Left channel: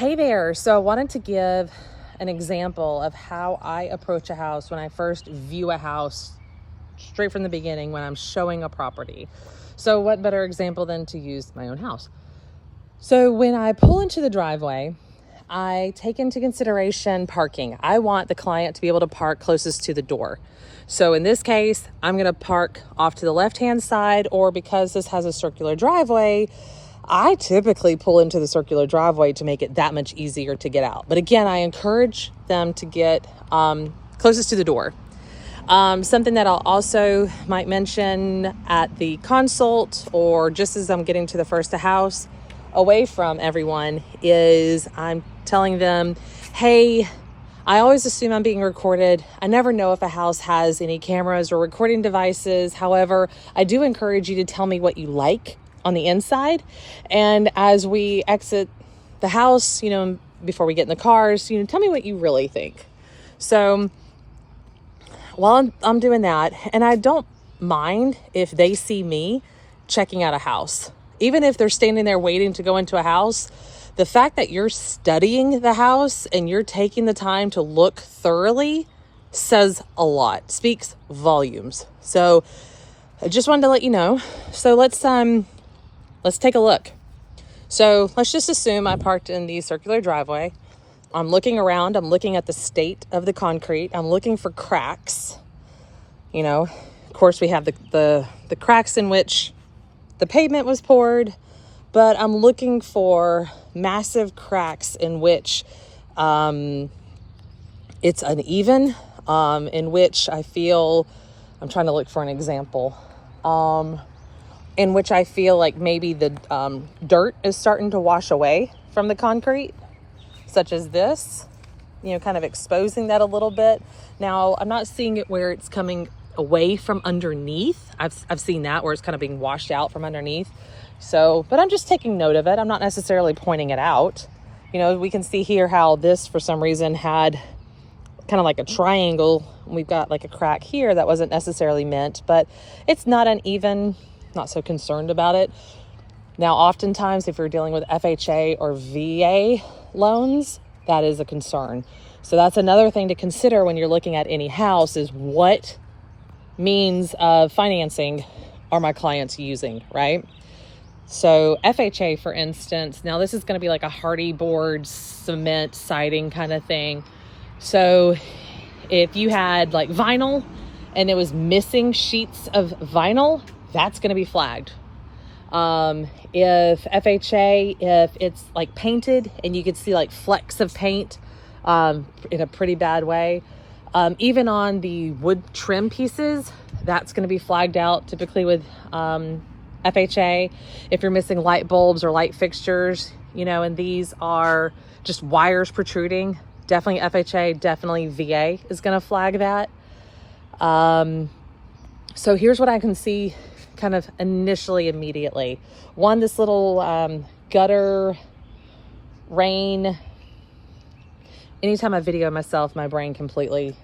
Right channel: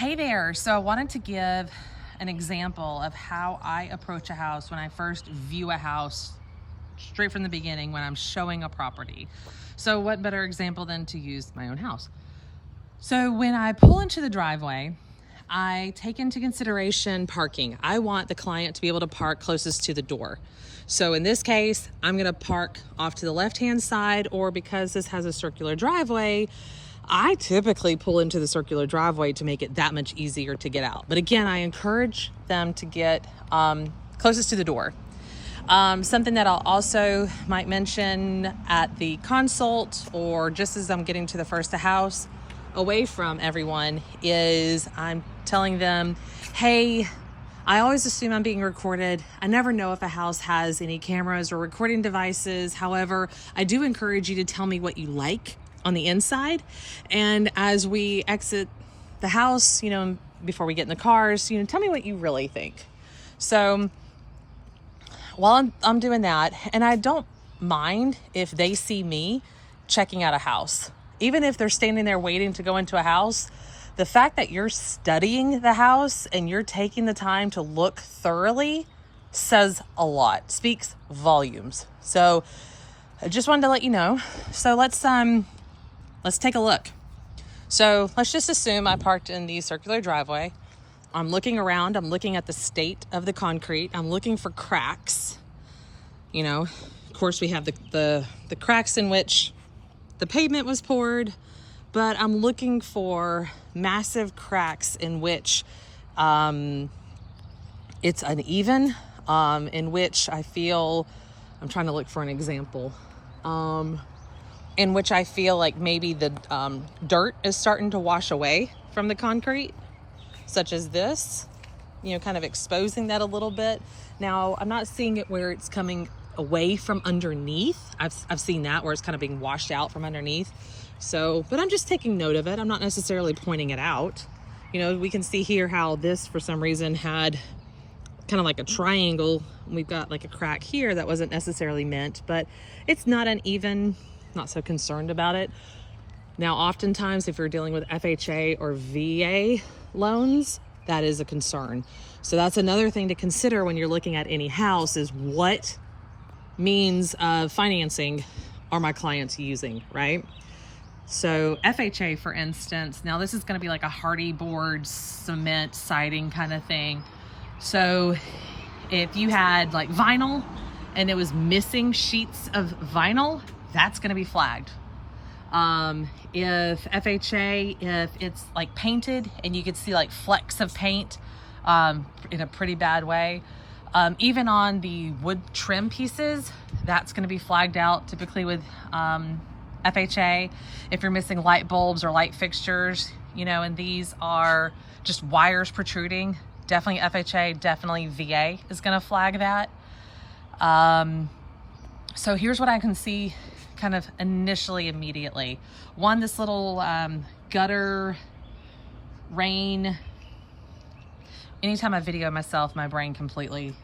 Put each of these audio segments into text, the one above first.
Hey there. So I wanted to give an example of how I approach a house when I first view a house straight from the beginning when I'm showing a property. So what better example than to use my own house? So when I pull into the driveway, I take into consideration parking. I want the client to be able to park closest to the door. So in this case, I'm going to park off to the left-hand side, or because this has a circular driveway, I typically pull into the circular driveway to make it that much easier to get out. But again, I encourage them to get closest to the door. Something that I'll also might mention at the consult, or just as I'm getting to the first house away from everyone, is I'm telling them, hey, I always assume I'm being recorded. I never know if a house has any cameras or recording devices. However, I do encourage you to tell me what you like on the inside. And as we exit the house, before we get in the cars, tell me what you really think. So while I'm doing that, and I don't mind if they see me checking out a house, even if they're standing there waiting to go into a house, the fact that you're studying the house and you're taking the time to look thoroughly says a lot, speaks volumes. So I just wanted to let you know. So let's take a look. So let's just assume I parked in the circular driveway. I'm looking around, I'm looking at the state of the concrete. I'm looking for cracks. Of course we have the cracks in which the pavement was poured, but I'm looking for massive cracks in which it's uneven, in which I feel, I'm trying to look for an example, in which I feel like maybe the dirt is starting to wash away from the concrete, such as this, kind of exposing that a little bit. Now, I'm not seeing it where it's coming away from underneath. I've seen that where it's kind of being washed out from underneath. So, but I'm just taking note of it. I'm not necessarily pointing it out. We can see here how this, for some reason, had kind of like a triangle. We've got like a crack here that wasn't necessarily meant, but it's not uneven, not so concerned about it. Now, oftentimes, if you're dealing with FHA or VA loans, that is a concern. So that's another thing to consider when you're looking at any house, is what means of financing are my clients using, right? So FHA, for instance, now this is going to be like a hardy board cement siding kind of thing. So if you had like vinyl and it was missing sheets of vinyl, that's going to be flagged. If FHA, if it's like painted and you could see like flecks of paint in a pretty bad way, even on the wood trim pieces, that's going to be flagged out typically with FHA. If you're missing light bulbs or light fixtures, and these are just wires protruding, definitely FHA, definitely VA is going to flag that. So here's what I can see kind of initially, immediately. One, this little gutter rain. Anytime I video myself, my brain completely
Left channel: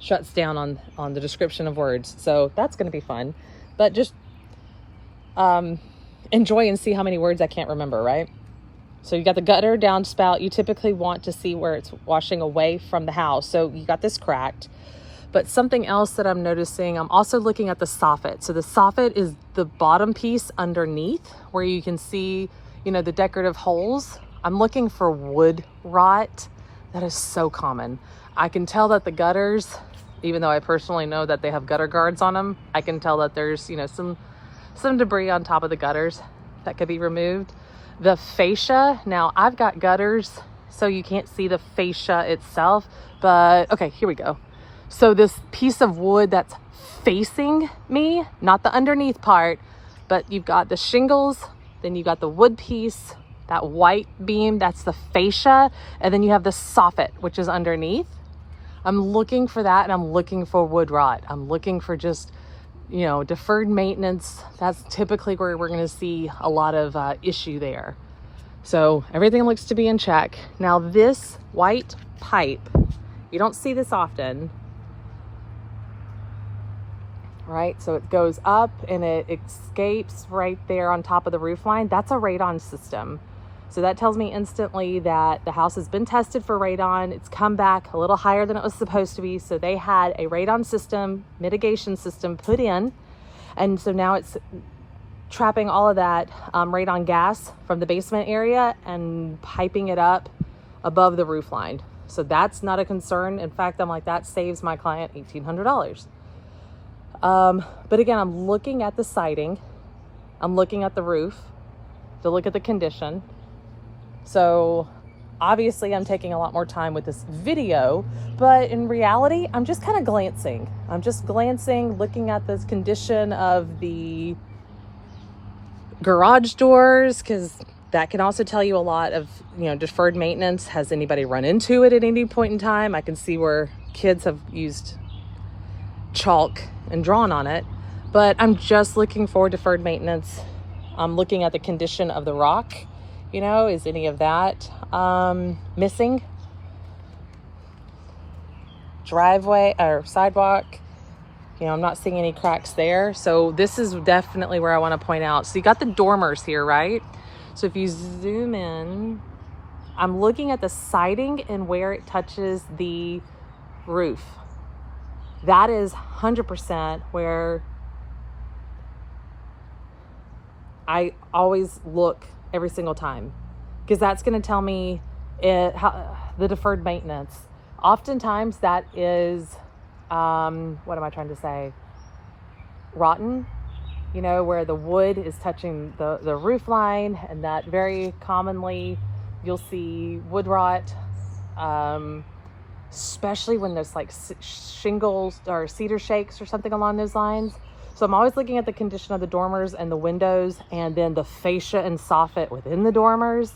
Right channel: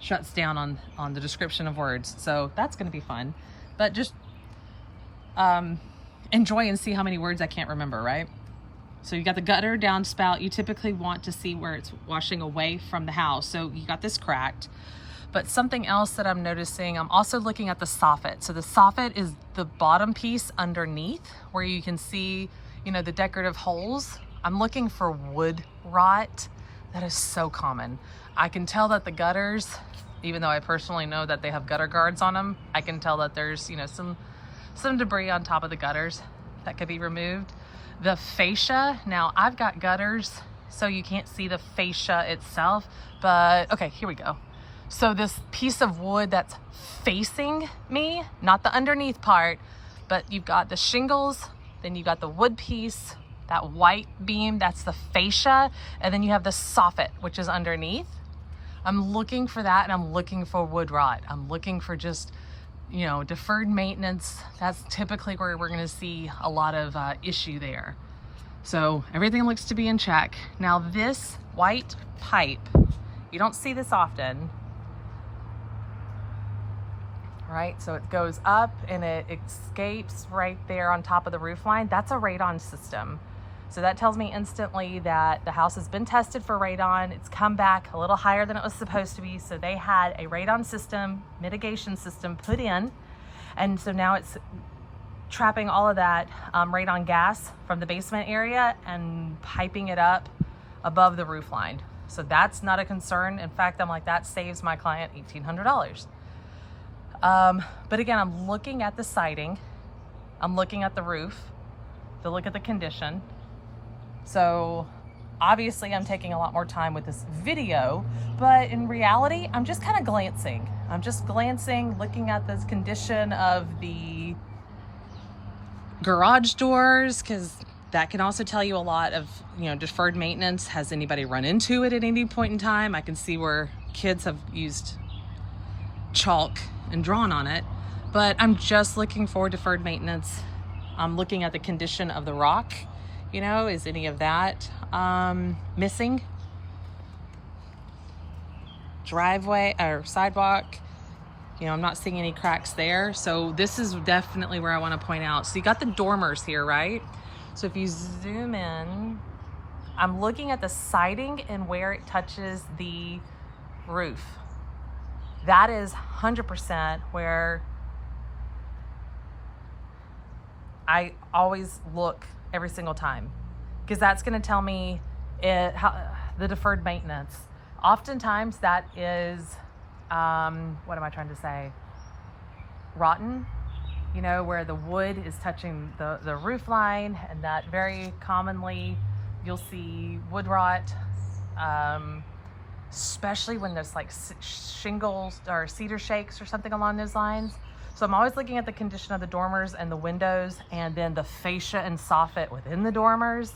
shuts down on the description of words. So that's going to be fun. But just enjoy and see how many words I can't remember, right? So you got the gutter downspout. You typically want to see where it's washing away from the house. So you got this cracked. But something else that I'm noticing, I'm also looking at the soffit. So the soffit is the bottom piece underneath where you can see, the decorative holes. I'm looking for wood rot. That is so common. I can tell that the gutters, even though I personally know that they have gutter guards on them, I can tell that there's, some debris on top of the gutters that could be removed. The fascia, now I've got gutters, so you can't see the fascia itself, but okay, here we go. So this piece of wood that's facing me, not the underneath part, but you've got the shingles, then you got the wood piece, that white beam, that's the fascia, and then you have the soffit, which is underneath. I'm looking for that, and I'm looking for wood rot. I'm looking for just, deferred maintenance. That's typically where we're gonna see a lot of issue there. So everything looks to be in check. Now this white pipe, you don't see this often, right? So it goes up and it escapes right there on top of the roof line. That's a radon system. So that tells me instantly that the house has been tested for radon. It's come back a little higher than it was supposed to be. So they had a radon system, mitigation system put in. And so now it's trapping all of that radon gas from the basement area and piping it up above the roof line. So that's not a concern. In fact, I'm like, that saves my client $1,800. But again, I'm looking at the siding. I'm looking at the roof to look at the condition. So obviously I'm taking a lot more time with this video, but in reality, I'm just kind of glancing. I'm just glancing, looking at this condition of the garage doors, because that can also tell you a lot of, deferred maintenance. Has anybody run into it at any point in time? I can see where kids have used chalk and drawn on it, but I'm just looking for deferred maintenance. I'm looking at the condition of the rock. Is any of that missing? Driveway or sidewalk, I'm not seeing any cracks there. So this is definitely where I want to point out. So you got the dormers here, right? So if you zoom in, I'm looking at the siding and where it touches the roof. That is 100% where I always look every single time, because that's going to tell me the deferred maintenance. Oftentimes that is, what am I trying to say? Rotten, where the wood is touching the roof line, and that very commonly you'll see wood rot, especially when there's like shingles or cedar shakes or something along those lines. So I'm always looking at the condition of the dormers and the windows, and then the fascia and soffit within the dormers.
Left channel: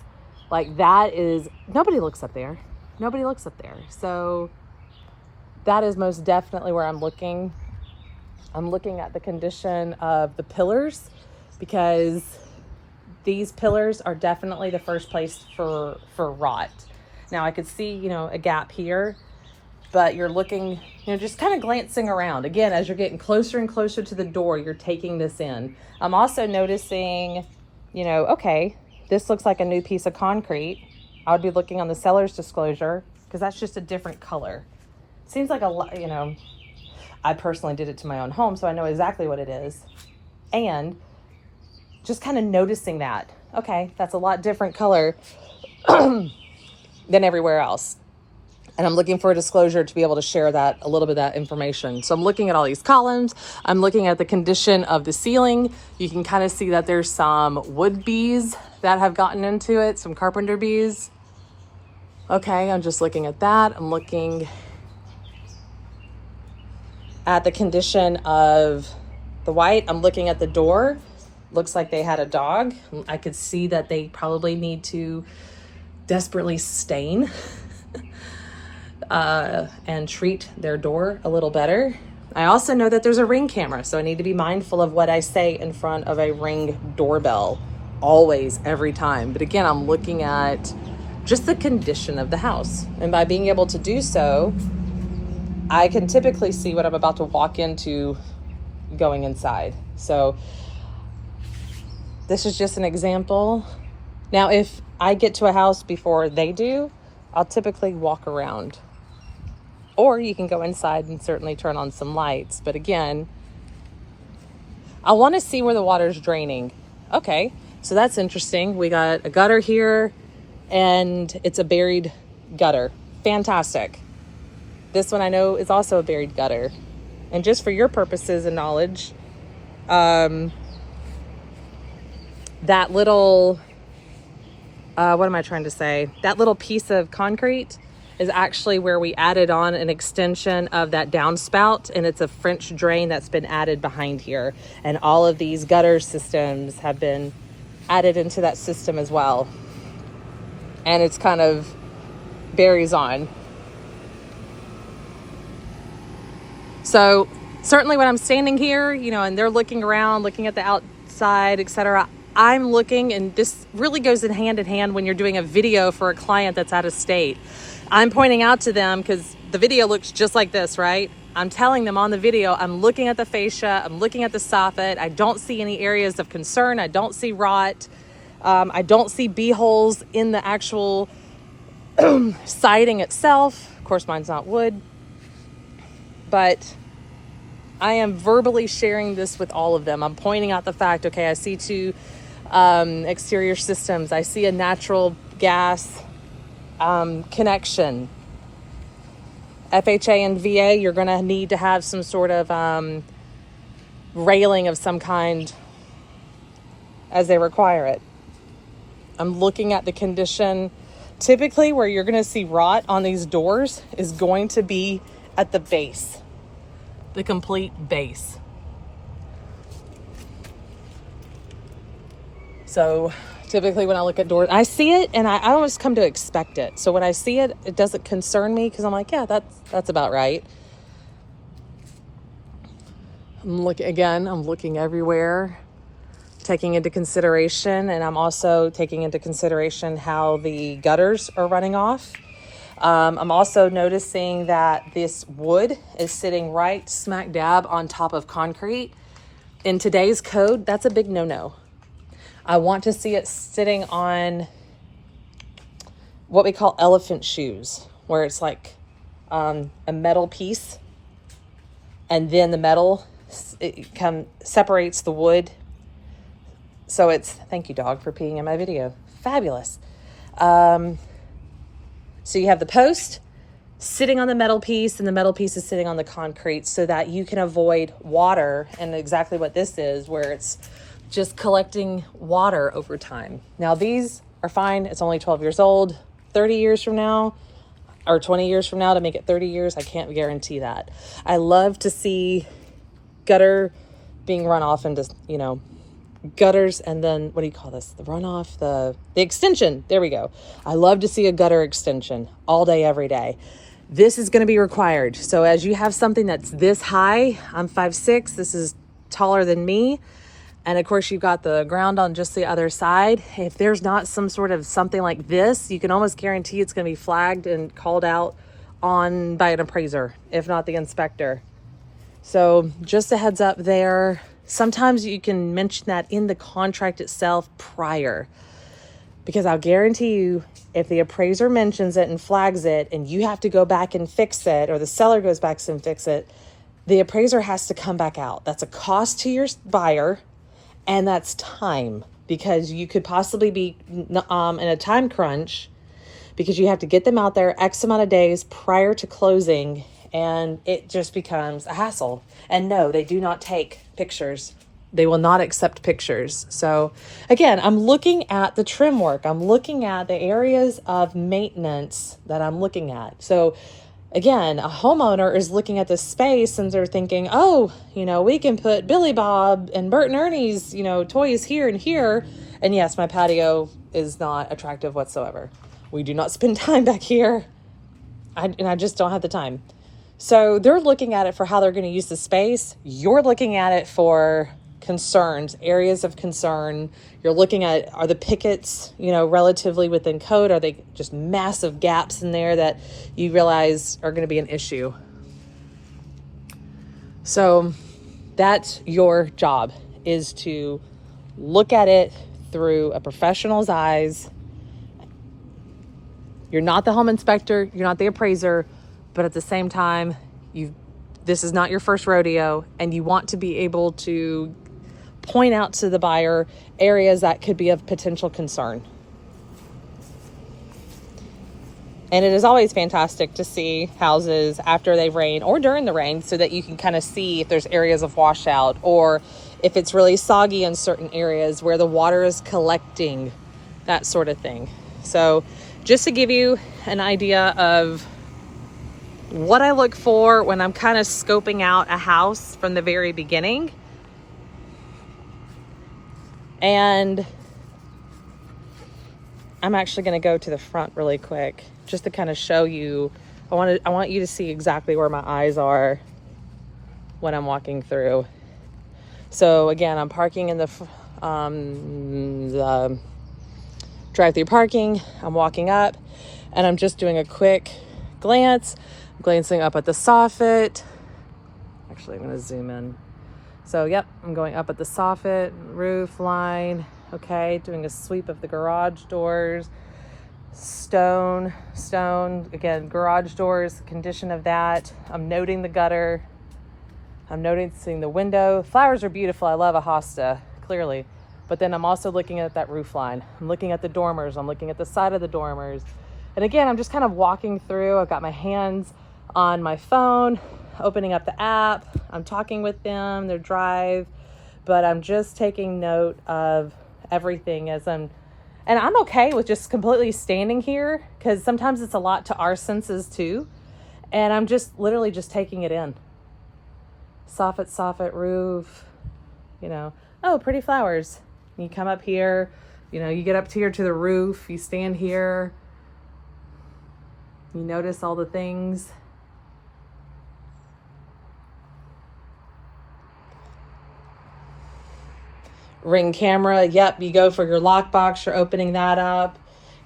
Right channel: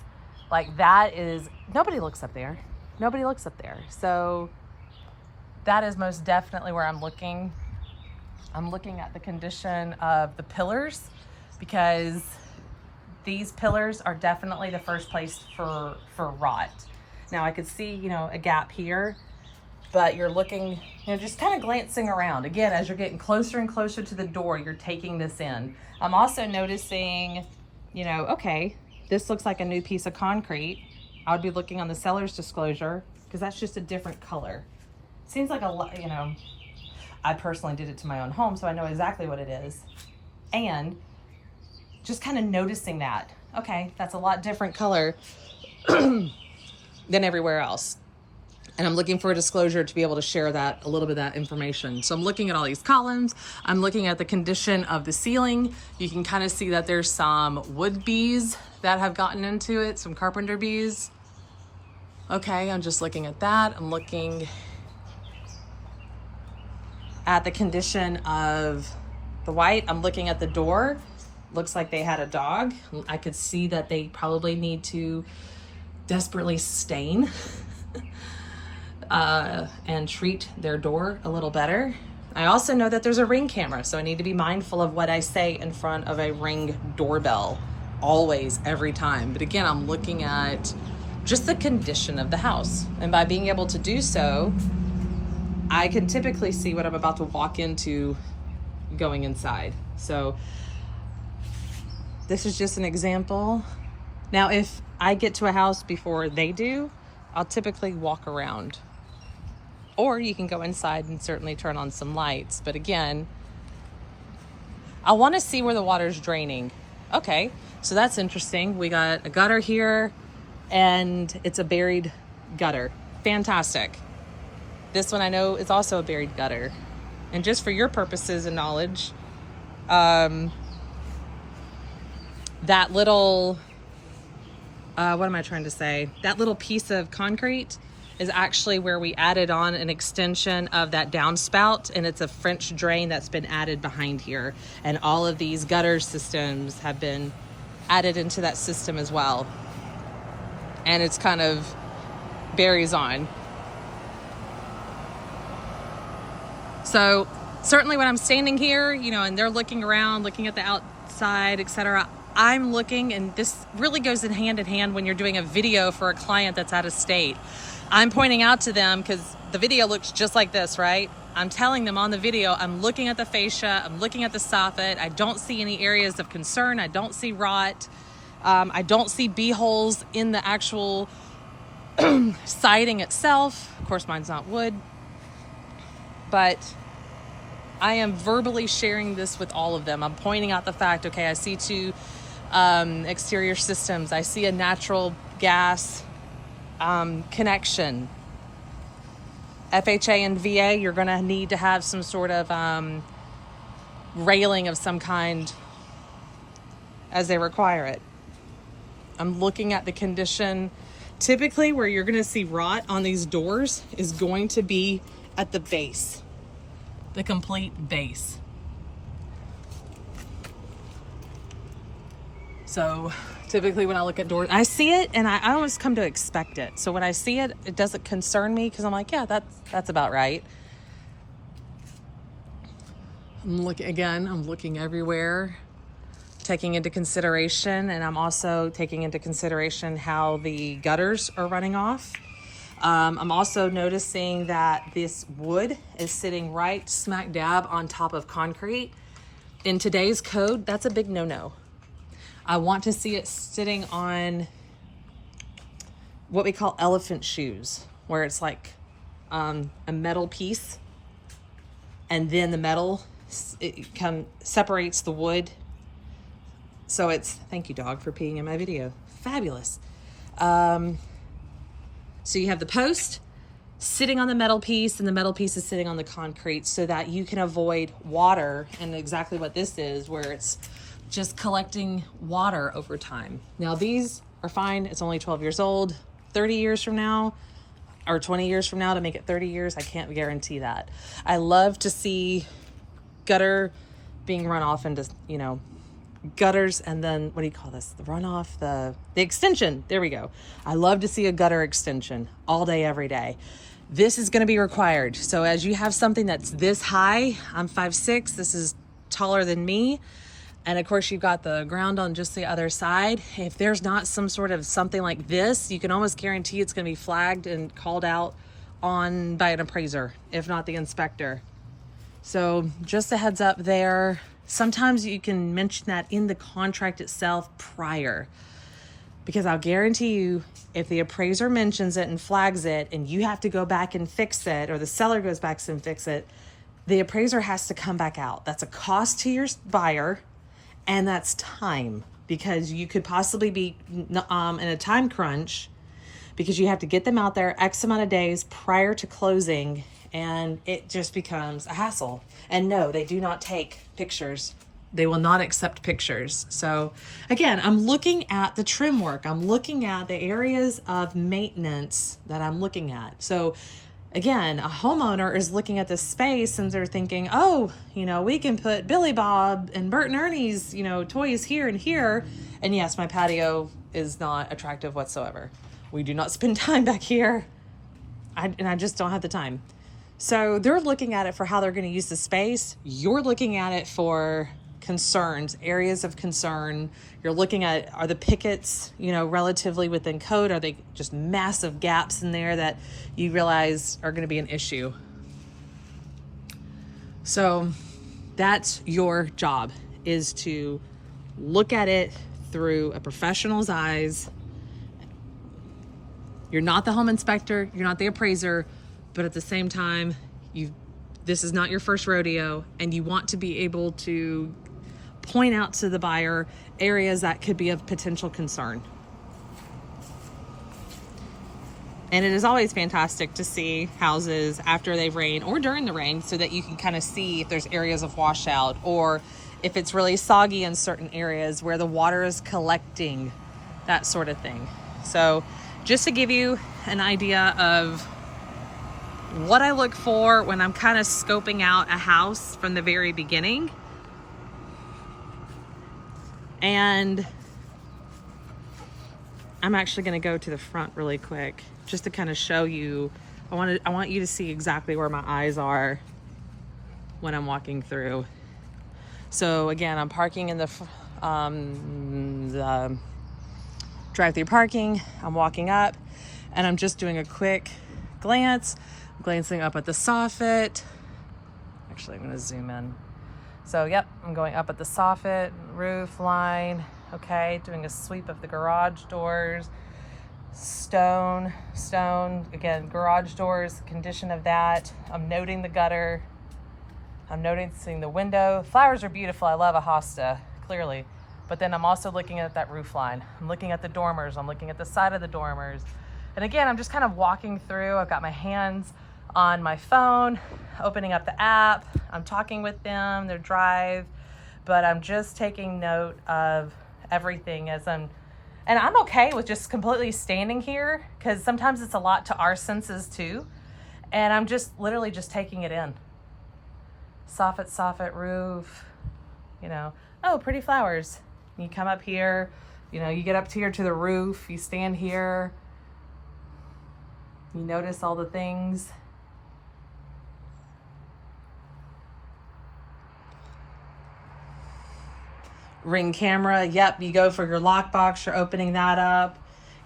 Like that is, nobody looks up there. Nobody looks up there. So that is most definitely where I'm looking. I'm looking at the condition of the pillars, because these pillars are definitely the first place for rot. Now I could see, a gap here, but you're looking, just kind of glancing around. Again, as you're getting closer and closer to the door, you're taking this in. I'm also noticing, okay, this looks like a new piece of concrete. I would be looking on the seller's disclosure, because that's just a different color. Seems like a lot, I personally did it to my own home, so I know exactly what it is. And just kind of noticing that, okay, that's a lot different color than everywhere else. And I'm looking for a disclosure to be able to share that, a little bit of that information. So I'm looking at all these columns. I'm looking at the condition of the ceiling. You can kind of see that there's some wood bees that have gotten into it, some carpenter bees. Okay, I'm just looking at that. I'm looking at the condition of the white. I'm looking at the door. Looks like they had a dog. I could see that they probably need to desperately stain and treat their door a little better. I also know that there's a Ring camera, so I need to be mindful of what I say in front of a Ring doorbell, always, every time. But again, I'm looking at just the condition of the house. And by being able to do so, I can typically see what I'm about to walk into going inside. So this is just an example. Now, if I get to a house before they do, I'll typically walk around. Or you can go inside and certainly turn on some lights. But again, I want to see where the water's draining. Okay, so that's interesting. We got a gutter here, and it's a buried gutter. Fantastic. This one I know is also a buried gutter. And just for your purposes and knowledge, that little, what am I trying to say? That little piece of concrete is actually where we added on an extension of that downspout, and it's a French drain that's been added behind here. And all of these gutter systems have been added into that system as well. And it's kind of buries on. So certainly when I'm standing here, and they're looking around, looking at the outside, etc., I'm looking, and this really goes in hand when you're doing a video for a client that's out of state. I'm pointing out to them, because the video looks just like this, right? I'm telling them on the video, I'm looking at the fascia, I'm looking at the soffit. I don't see any areas of concern. I don't see rot. I don't see bee holes in the actual siding itself. Of course, mine's not wood, but I am verbally sharing this with all of them. I'm pointing out the fact, okay, I see two exterior systems. I see a natural gas connection. FHA and VA, you're gonna need to have some sort of railing of some kind as they require it. I'm looking at the condition. Typically where you're gonna see rot on these doors is going to be at the base, the complete base. So typically when I look at doors, I see it and I almost come to expect it. So when I see it, it doesn't concern me because I'm like, yeah, that's about right. I'm looking everywhere, taking into consideration, and I'm also taking into consideration how the gutters are running off. I'm also noticing that this wood is sitting right smack dab on top of concrete. In today's code, that's a big no-no. I want to see it sitting on what we call elephant shoes, where it's like a metal piece, and then the metal separates the wood. So it's, thank you, dog, for peeing in my video. Fabulous. So you have the post sitting on the metal piece, and the metal piece is sitting on the concrete so that you can avoid water, and exactly what this is, where it's just collecting water over time. Now these are fine. It's only 12 years old. 30 years from now, or 20 years from now to make it 30 years, I can't guarantee that. I love to see gutter being run off into, you know, gutters, and then what do you call this? The runoff, the extension. There we go. I love to see a gutter extension all day, every day. This is going to be required. So as you have something that's this high, I'm 5'6", this is taller than me. And of course you've got the ground on just the other side. If there's not some sort of something like this, you can almost guarantee it's going to be flagged and called out on by an appraiser, if not the inspector. So just a heads up there. Sometimes you can mention that in the contract itself prior, because I'll guarantee you, if the appraiser mentions it and flags it and you have to go back and fix it, or the seller goes back and fix it, the appraiser has to come back out. That's a cost to your buyer. And that's time, because you could possibly be in a time crunch, because you have to get them out there X amount of days prior to closing, and it just becomes a hassle. And no, they do not take pictures. They will not accept pictures. So again, I'm looking at the trim work. I'm looking at the areas of maintenance that I'm looking at. So again, a homeowner is looking at this space and they're thinking, oh, you know, we can put Billy Bob and Bert and Ernie's, you know, toys here and here. And yes, my patio is not attractive whatsoever. We do not spend time back here. And I just don't have the time. So they're looking at it for how they're going to use the space. You're looking at it for concerns, areas of concern. You're looking at, are the pickets, you know, relatively within code? Are they just massive gaps in there that you realize are going to be an issue? So that's your job, is to look at it through a professional's eyes. You're not the home inspector, you're not the appraiser, but at the same time, this is not your first rodeo, and you want to be able to point out to the buyer areas that could be of potential concern. And it is always fantastic to see houses after they've rained or during the rain, so that you can kind of see if there's areas of washout, or if it's really soggy in certain areas where the water is collecting, that sort of thing. So just to give you an idea of what I look for when I'm kind of scoping out a house from the very beginning. And I'm actually going to go to the front really quick just to kind of show you. I want you to see exactly where my eyes are when I'm walking through. So again, I'm parking in the drive-through parking. I'm walking up and I'm just doing a quick glance. I'm glancing up at the soffit. Actually, I'm going to zoom in. So yep, I'm going up at the soffit, roof line. Okay, doing a sweep of the garage doors. Stone, again, garage doors, condition of that. I'm noting the gutter. I'm noticing the window. Flowers are beautiful. I love a hosta, clearly. But then I'm also looking at that roof line. I'm looking at the dormers. I'm looking at the side of the dormers. And again, I'm just kind of walking through. I've got my hands on my phone, opening up the app. I'm talking with them, their drive, but I'm just taking note of everything and I'm okay with just completely standing here, because sometimes it's a lot to our senses too. And I'm just literally just taking it in. Soffit roof, oh, pretty flowers. You come up here, you get up here to the roof, you stand here, you notice all the things. Ring camera, yep, you go for your lockbox, you're opening that up,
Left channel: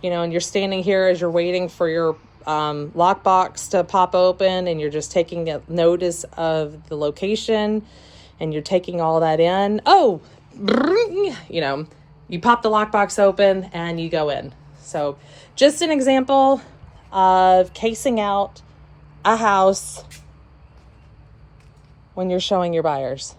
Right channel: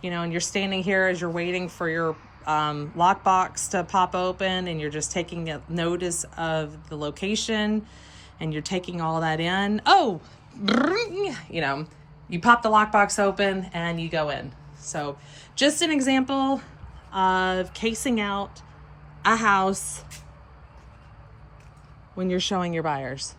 and you're standing here as you're waiting for your lockbox to pop open, and you're just taking notice of the location, and you're taking all that in. Oh, you pop the lockbox open and you go in. So just an example of casing out a house when you're showing your buyers.